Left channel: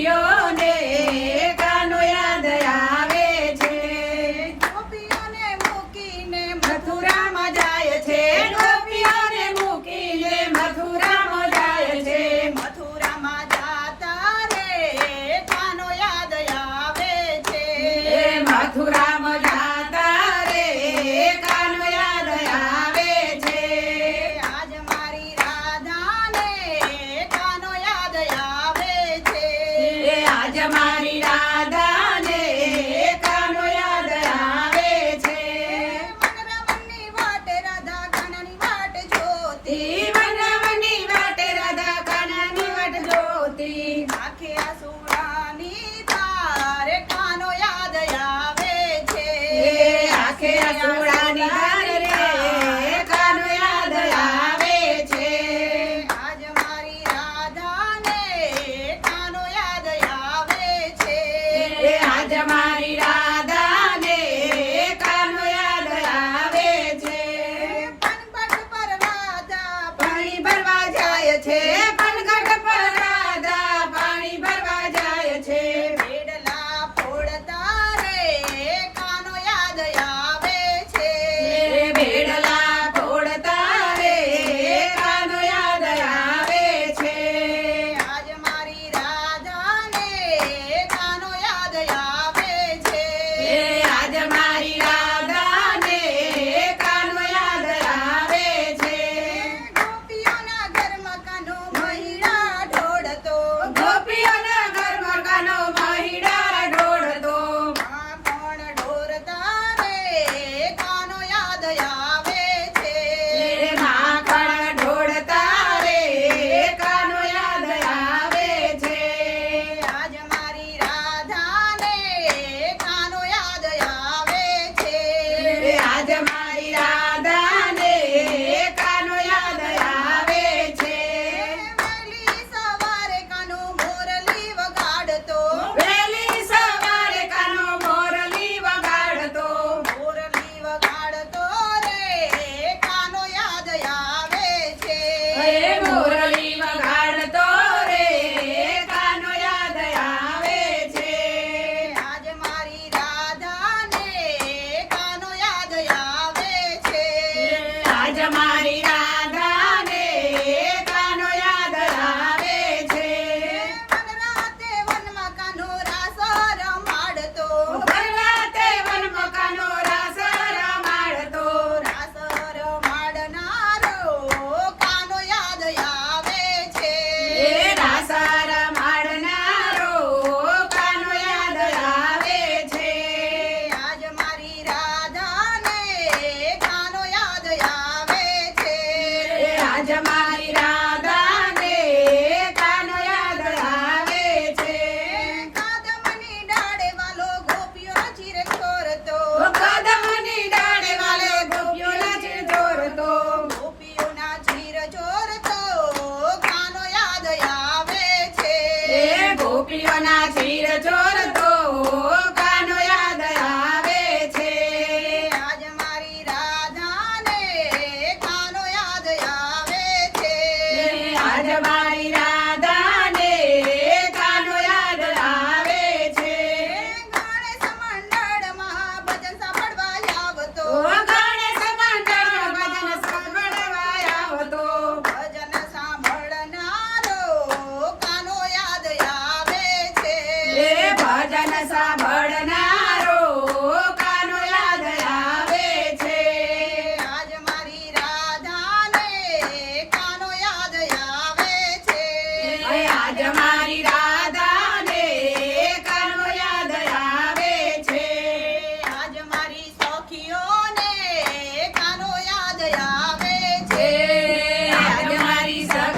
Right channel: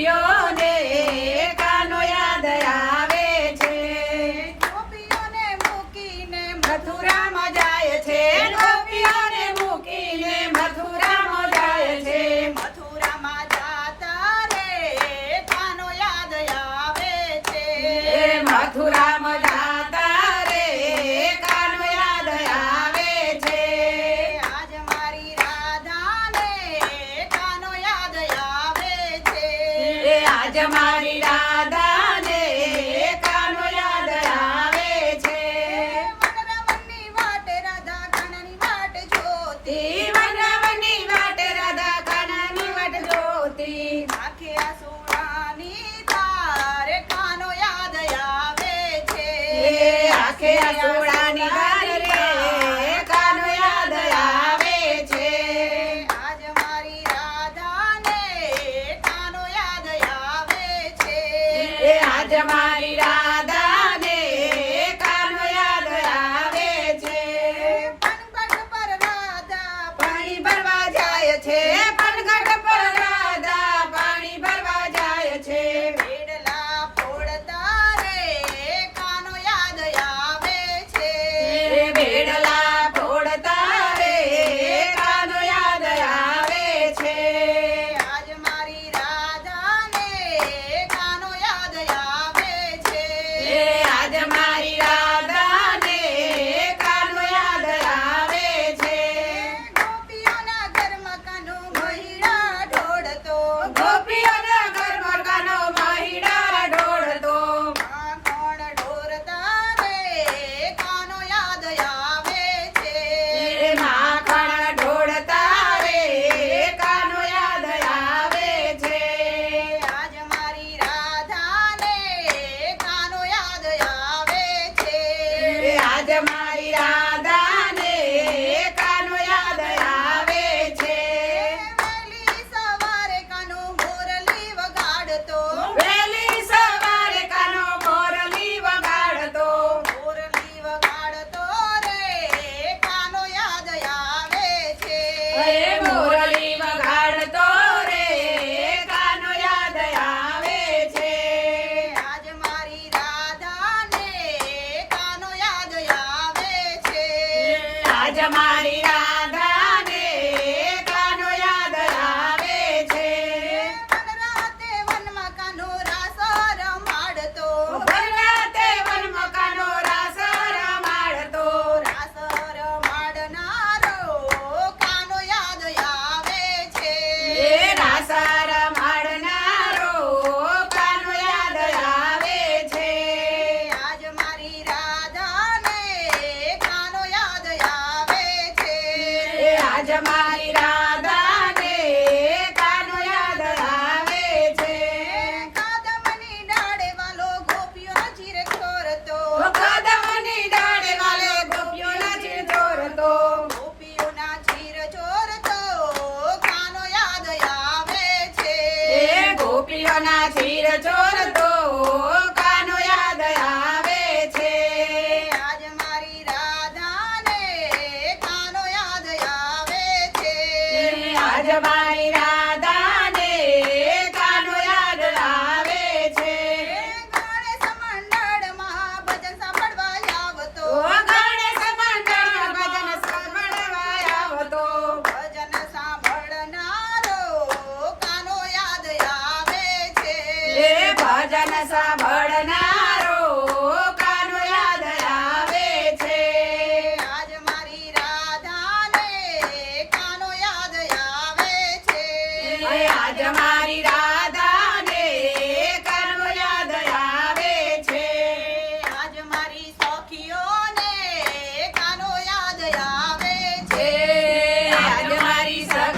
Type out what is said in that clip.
Yo, gracias. Un gran ರಾಜ ಮಾಡಿದ ગોપીઓના ધીર જોર તો કાનો યાદ આવે છે. આજ મારી રાધાને કાનો યાદ આવે છે. આજ મારી